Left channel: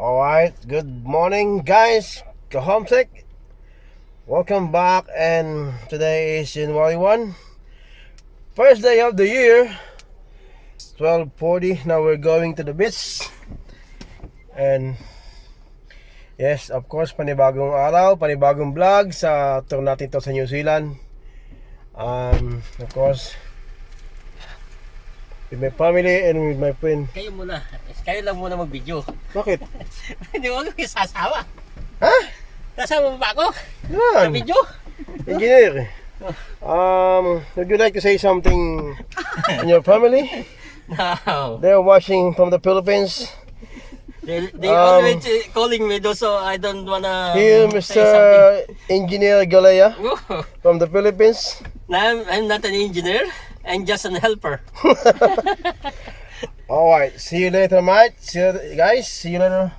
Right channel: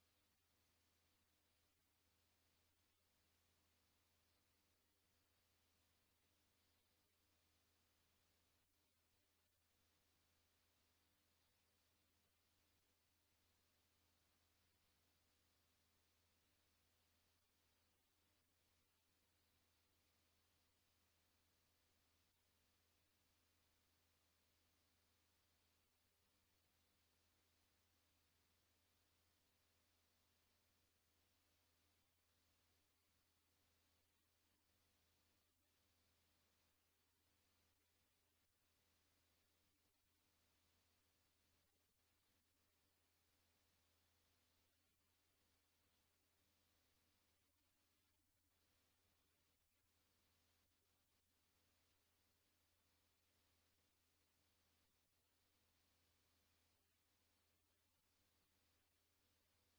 Alright, good morning guys, Kahomsek. Welcome back, and today is January 1, first day of the year. 12:40. Now we're going to the beach. And yes, of course, panibagong araw, panibagong vlog sa tour natin to sa New Zealand. Of course, with my family and with my friend. Kayo lang muna mag-video. Bakit? Hindi mo kayo sasawa. Ha? Kasama mo ba ako? Sa Yan, video? engineer. Would you like to say something in your family? No. They're watching from the Philippines. They always calling me though, so I don't wanna Here, say Mr. something. Engineer Galaya Oh, from the Philippines. I'm not an engineer. I'm just an helper. Alright, see you later, mate. See you, guys. See you later.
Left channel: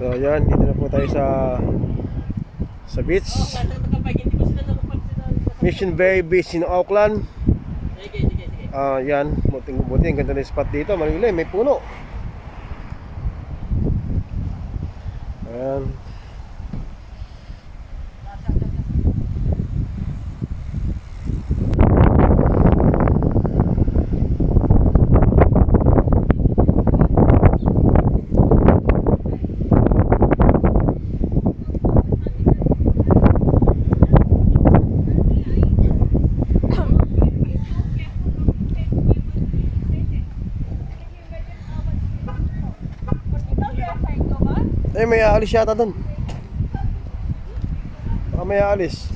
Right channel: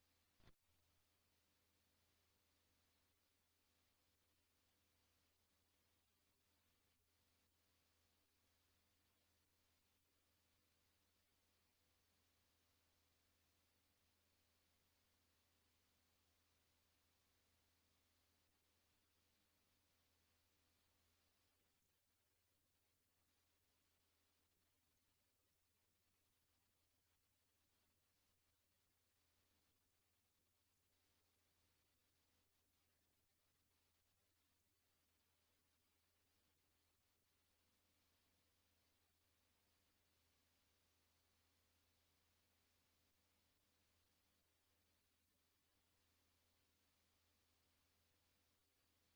So yan, dito na po tayo sa beach. Mission Bay Beach in Auckland. Yan, buti ang ganda ng spot dito. Manila, may puno. Ayan. May aalis yata dun. Baka may aalis.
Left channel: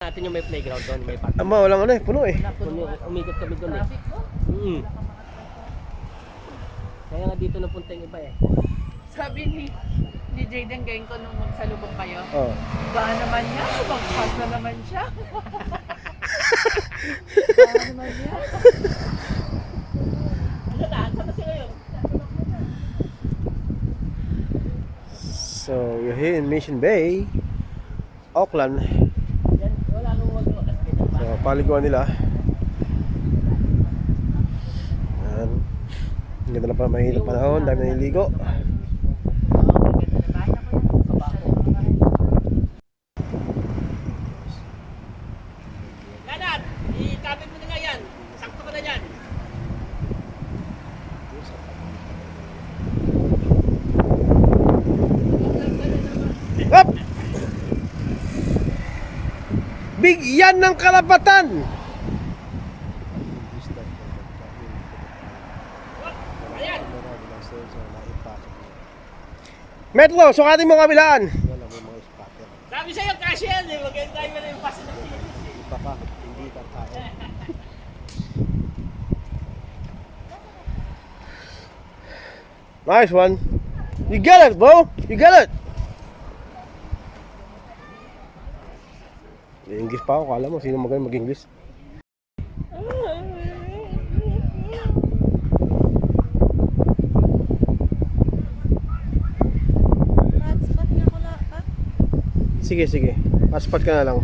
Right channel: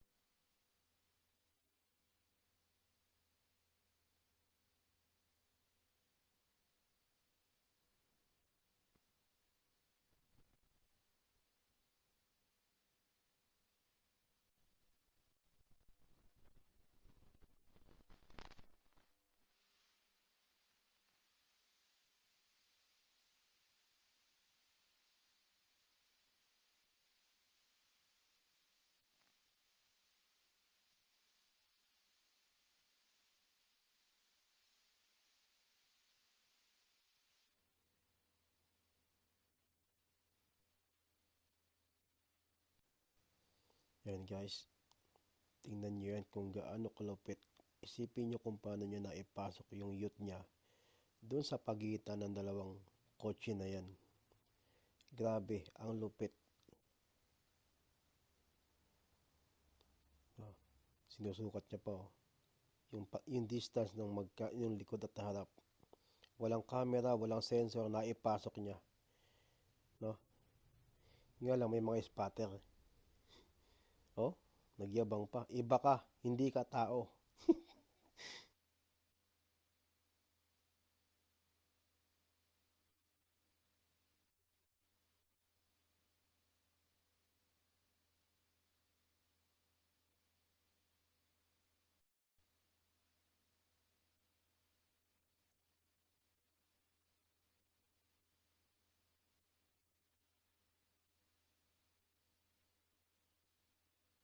Natin yung may playground doon, may park. Walang ano puno eh. Umikot kami doon eh. Kaya nga dito napunta yung iba eh. Sabi ni Jayden gayon ko nung magsalubong kayo. Oh. Baka naman niya, magpas na naman siya. Baka naman niya. So, we're here in Mission Bay, Auckland. So, paliguan nila. Ayan. Ang ganda na pa, mahirap panahon, dami na niligo. Kanan! Ikapit mo na nga yan! Sakto ka na dyan! Doon sa pagitan ng dalawa. Up! Bigyan ng karapatan! Yung distance ng magkain, hindi ko alam. Walang camera, walang sensor, naipasok niya. Metlo, sukatin mo kabilaan! Wala, may mga spotter. Sabi sa'yo, cash yan eh! Maganda tayo na yung pass. Iba ka, hindi ka tao. Nice one. You get it, bro. You get it. English pa ako, kala mo sino magaling mag-English. Hotspot nga ko lang pa. Sige, sige. Hotspot ka na lang.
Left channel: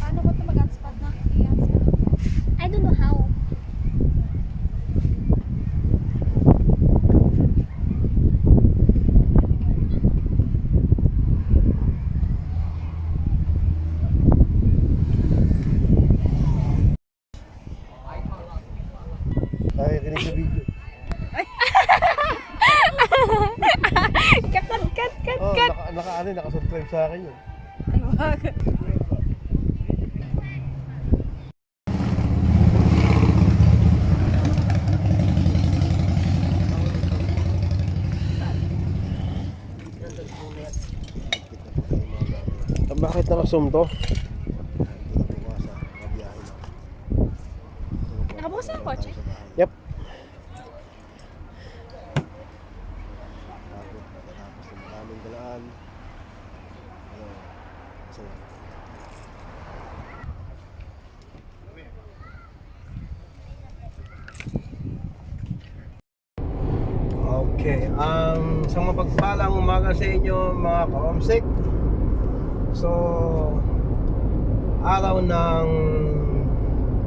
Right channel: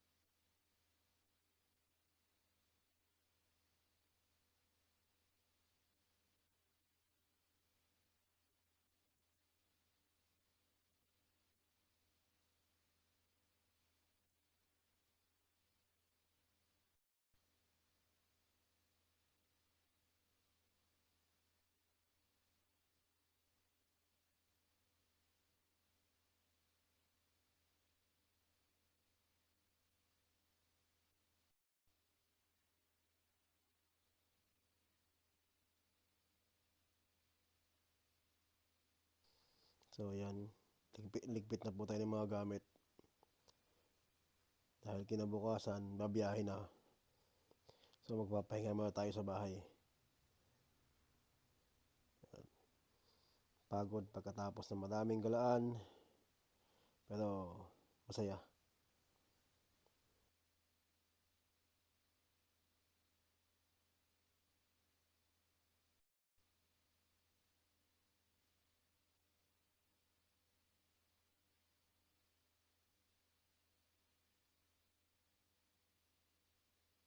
Paano ko ito mag-hotspot na? I don't know how. Ay, kinig sa video. Cut. Oh, naka-subscribe sa akin yun. Ano ba? Bakit naka-zoom to? Dahil kinabukasan, nabiyahe na. So, Nakabukas na ang magpapahinga kotse? tayo sa bahay. Yep. Pagod pagkatapos ng maraming galaan. Ano, masaya. Okay, sa mapagpalang umaga sa inyo mga ka-homesick. So, araw ng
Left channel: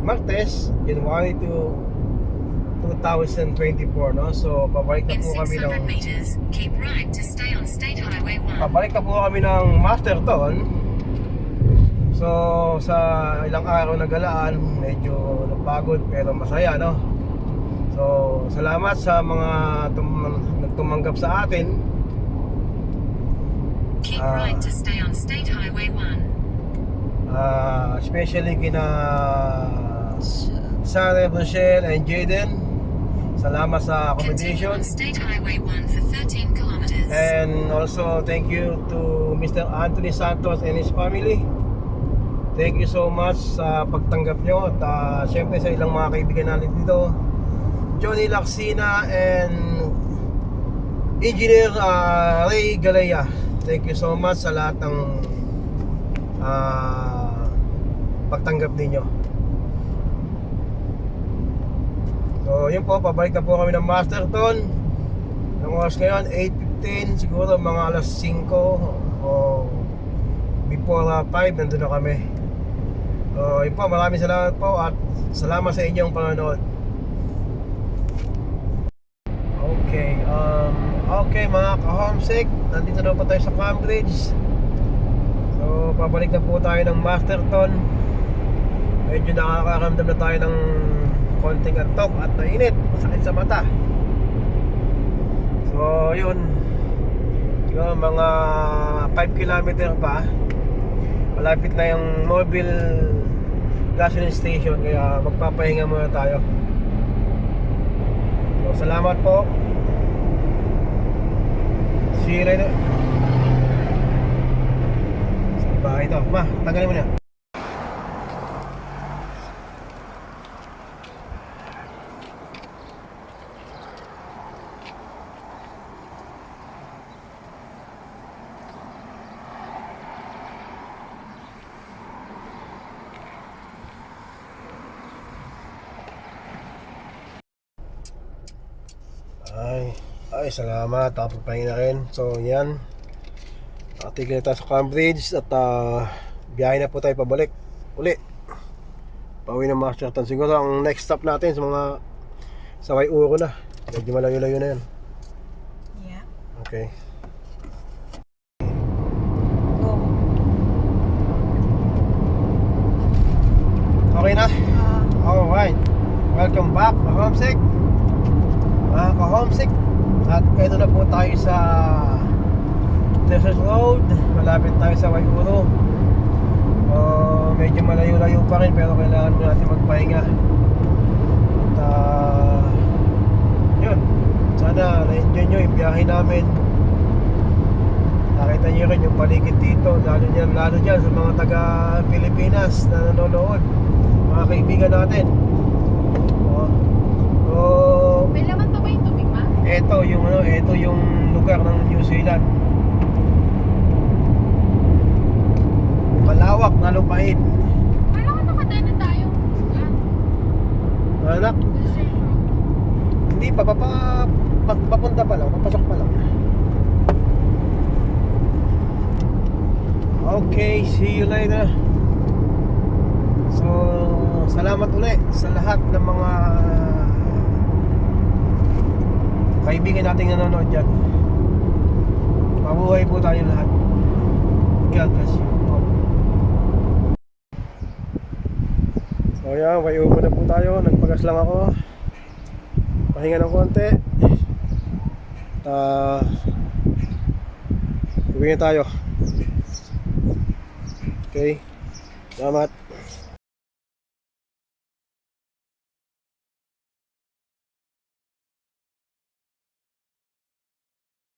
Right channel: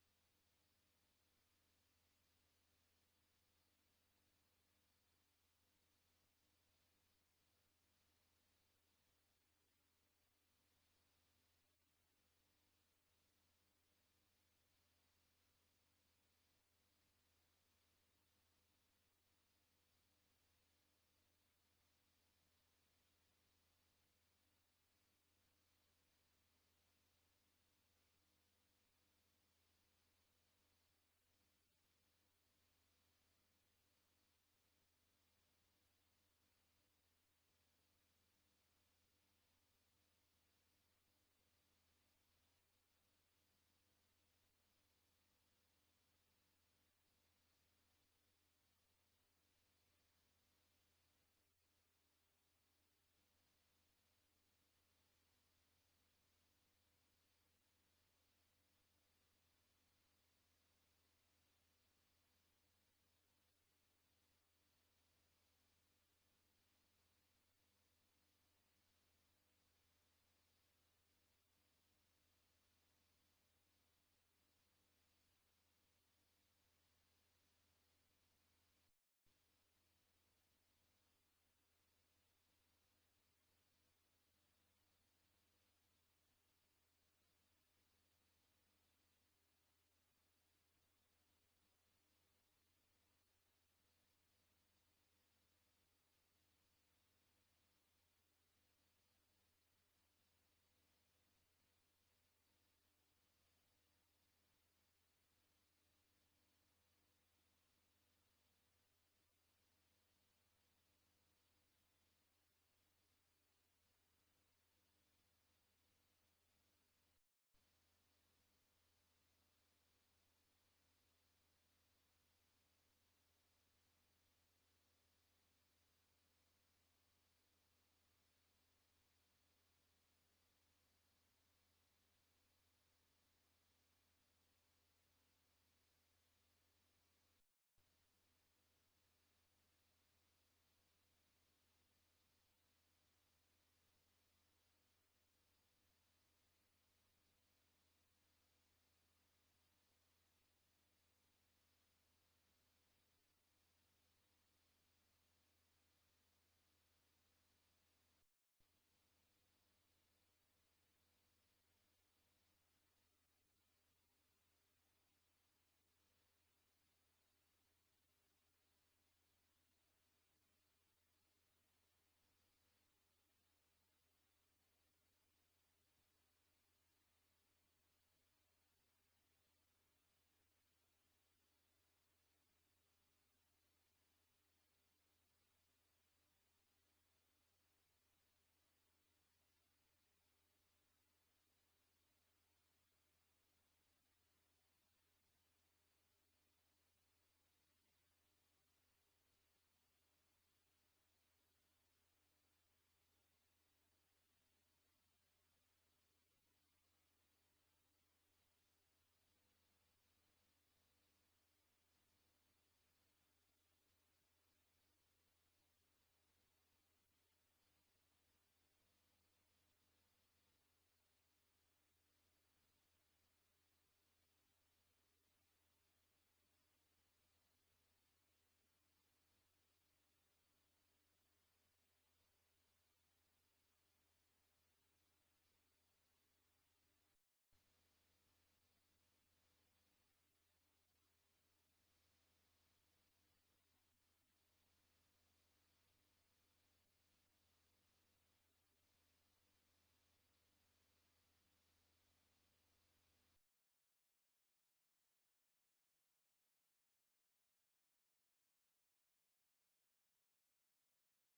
Martes, January 2024, no? So, pabalik na In po kami 600 ng meters, keep right to stay on State Highway 1. pabalik na po kami ng Masterton. So, sa ilang araw na galaan, medyo napagod pero masaya, no? So, salamat sa mga nagtumanggap sa atin. Keep right to stay on State Highway 1. Especially kina Sarah, Rochelle, and Jaden. Salamat sa Continue accommodation. on State Highway 1 for 13 kilometers. And also thank you to Mr. Anthony Santos and his family. Thank you so much sa pagtanggap nyo. At syempre sa ilang mga kaibigan natin dito, Johnny Lacsina and Engineer Ray Galaya. Thank you so much sa lahat ng pagtanggap ninyo. So yun po, pabalik na po kami ng Masterton. Ang oras ngayon 8:15, siguro mga alas 5 o before 5 nandun na kami. So yun po, maraming salamat po at salamat sa inyong panonood. Okay mga ka-homesick, nandito na po tayo sa Cambridge. So pabalik na po tayo ng Masterton. Medyo nakakaramdam na tayo ng konting antok at nainit, masakit sa mata. So yun, siguro mga 5 kilometer pa, malapit na yung mobile gasoline station, kaya magpapahinga muna tayo. So salamat po. See you later. Sa bahay ito. Ma, tanggalin mo na. Ay, salamat. Tapos-pahinga na rin. So, yan. Nakatigil na tayo sa Cambridge at biyahe na po tayo pabalik. Uli. Pauwi ng Masterton. Siguro ang next stop natin sa mga sa Waiuro na. Medyo malayo-layo na yan. Yeah. Okay. Go. Okay na? Alright. Welcome back, ka-homesick. Mga ka-homesick. At eto na po tayo sa Desert Road. Malapit tayo sa Waiuro. Medyo malayo-layo pa rin pero kailangan mo natin magpahinga. At yun, sana na-enjoy nyo yung biyahe namin. Nakita nyo rin yung paligid dito, lalo dyan sa mga taga Pilipinas na nanonood, mga kaibigan natin. May laman to ba yung tubig, ma? Ito yung lugar ng New Zealand. Malawak na lupain. Kala ko nakadaan na tayo. Anak, hindi pa papunta pa lang, papasok pa lang. Okay, see you later. So, salamat ulit sa lahat ng mga kaibigan nating nanonood dyan. Mabuhay po tayo lahat. God bless you. So yan, Waiuro na po tayo. Nagpagas lang ako. Pahinga ng konti. Uwi na tayo. Okay. Salamat.